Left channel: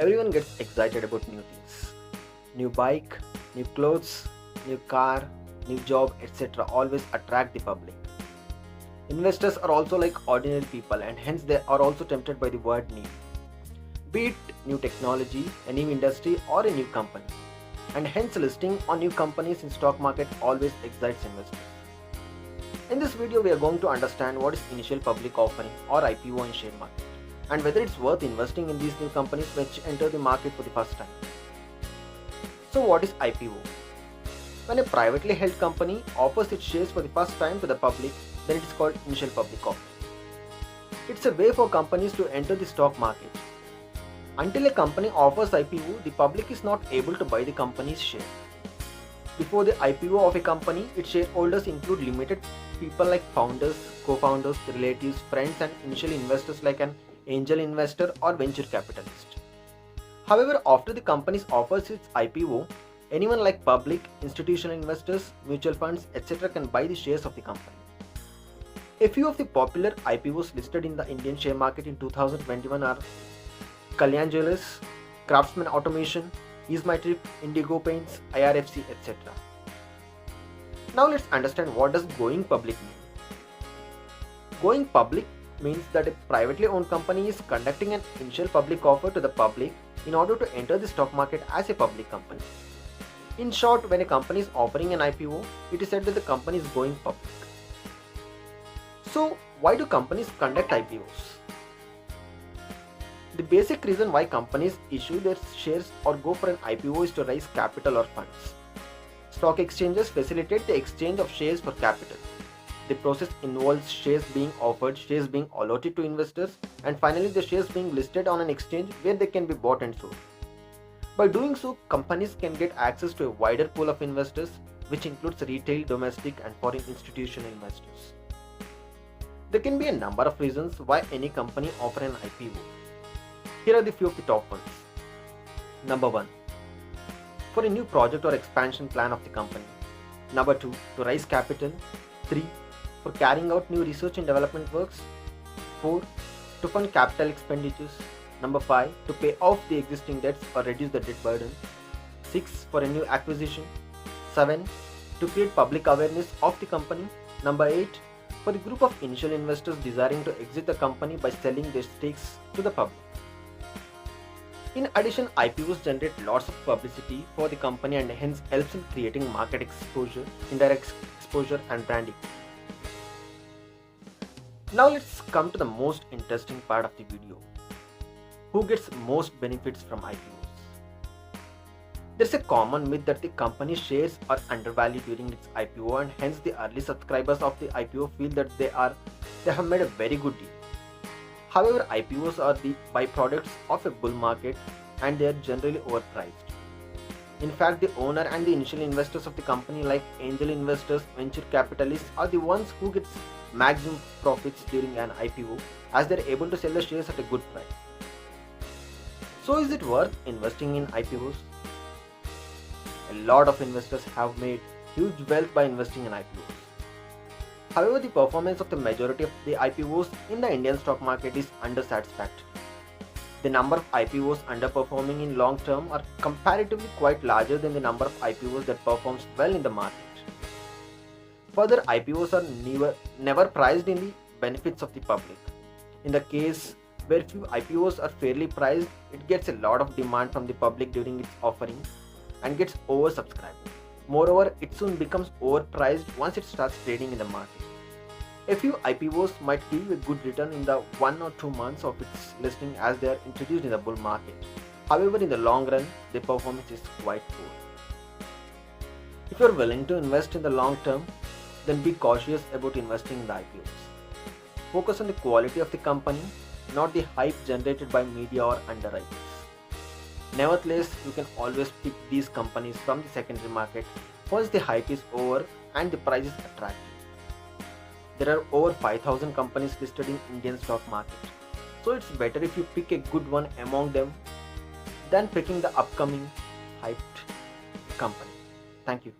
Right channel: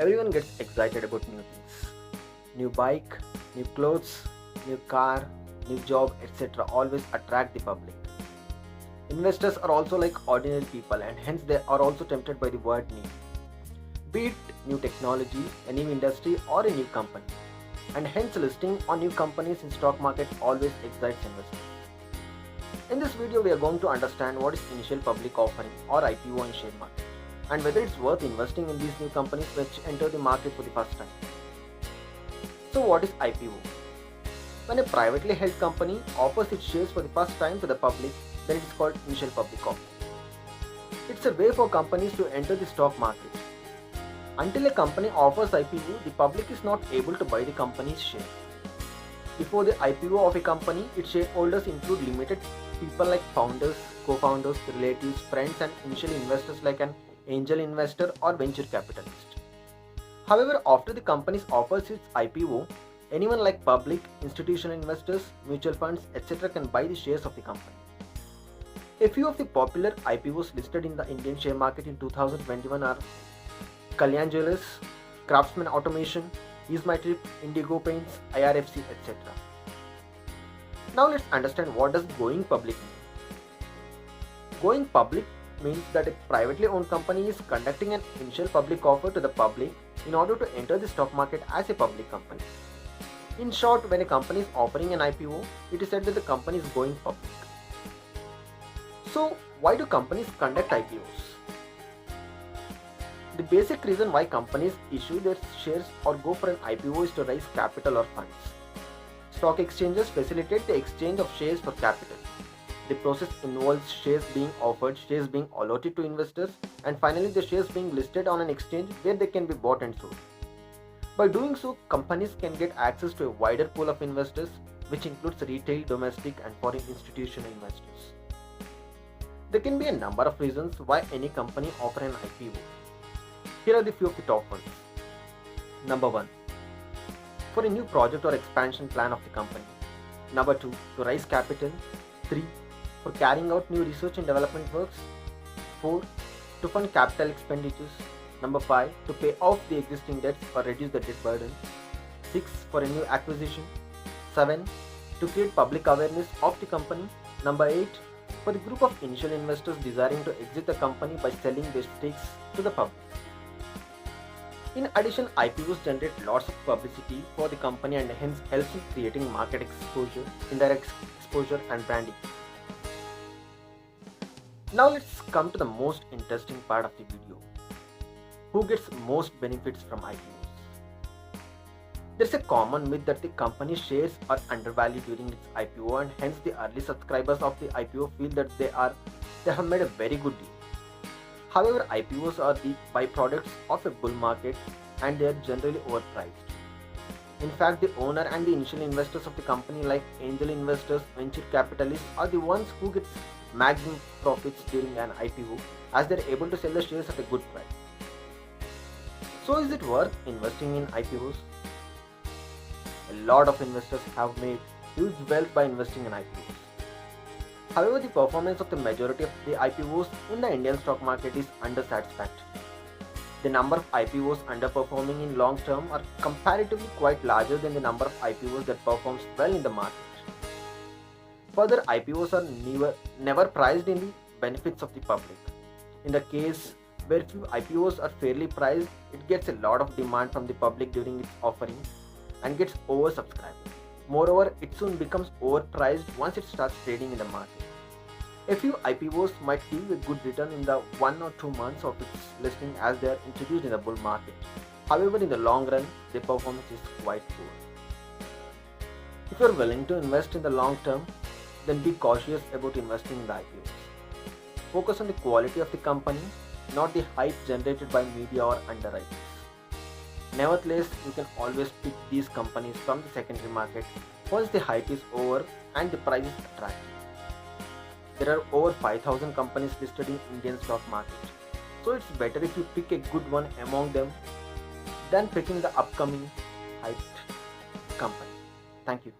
Everyone gets excited about new things. New bike, new clothes, new car, new job, etc. always attract the public. Investors are also like ordinary people and hence they are also tempted by the word new. Be it new technology, a new industry or a new company. And hence listing on new companies in stock market always excites investors. In this video we are going to understand what is initial public offering or IPO in share market and whether it's worth investing in these new companies which enter the market for the first time. So what is IPO? When a privately held company offers its shares for the first time to the public, then it is called initial public offering. It's a way for companies to enter the stock market. Until a company offers IPO, the public is not able to buy the company's share. Before the IPO of a company, its shareholders include limited people like founders, co-founders, relatives, friends and initial investors like an angel investor or venture capitalist. However, after the company offers its IPO, anyone like public, institutional investors, mutual funds, etc. can buy the shares of the company. A few of the popular IPOs listed in the Indian share market in 2021 are Kalyan Jewellers, Craftsman Automation, EaseMyTrip, Indigo Paints, IRFC, etc. Now let's understand what does going public mean. Going public means that a privately owned company is conducting an initial public offer to the public in order to enter the stock market as a public company. In short, when a company is offering an IPO, it is said that the company is going public. So, why do companies conduct IPOs? The basic reason why companies issue their shares or go for an IPO is to raise capital or funds. Stock exchanges facilitate the exchange of shares for capital. The process involves shares being offered, shares being allotted to investors, and finally the shares being listed on an exchange where they can be bought and sold. By doing so, companies can get access to a wider pool of investors, which includes retail, domestic, and foreign institutional investors. There can be a number of reasons why any company offers an IPO. Here are the few of the top ones. Number 1. For a new project or expansion plan of the company. Number 2. To raise capital. 3. For carrying out new research and development works. 4. To fund capital expenditures. Number 5. To pay off the existing debts or reduce the debt burden. 6. For a new acquisition. 7. To create public awareness of the company. Number 8. For a group of initial investors desiring to exit the company by selling their stakes to the public. In addition, IPOs generate lots of publicity for the company and hence helps in creating market exposure, indirect exposure and branding. Now let's come to the most interesting part of the video. Who gets most benefits from IPOs? There's a common myth that the company's shares are undervalued during its IPO and hence the early subscribers of the IPO feel that they have made a very good deal. However, IPOs are the byproducts of a bull market and they are generally overpriced. In fact, the owner and the initial investors of the company like angel investors, venture capitalists are the ones who get maximum profits during an IPO as they are able to sell the shares at a good price. So is it worth investing in IPOs? A lot of investors have made huge wealth by investing in IPOs. However, the performance of the majority of the IPOs in the Indian stock market is undersatisfactory. The number of IPOs underperforming in long term are comparatively quite larger than the number of IPOs that performs well in the market. Further, IPOs are never priced in the benefits of the public. In the case where few IPOs are fairly priced, it gets a lot of demand from the public during its offering and gets oversubscribed. Moreover, it soon becomes overpriced once it starts trading in the market. A few IPOs might give a good return in the 1 or 2 months of its listing as they are introduced in the bull market. However, in the long run, their performance is quite poor. If you are willing to invest in the long term, then be cautious about investing in the IPOs. Focus on the quality of the company, not the hype generated by media or underwriters. Nevertheless, you can always pick these companies from the secondary market once the hype is over and the price is attractive. There are over 5,000 companies listed in Indian stock market. So it's better if you pick a good one among them than picking the upcoming hyped company. Thank you.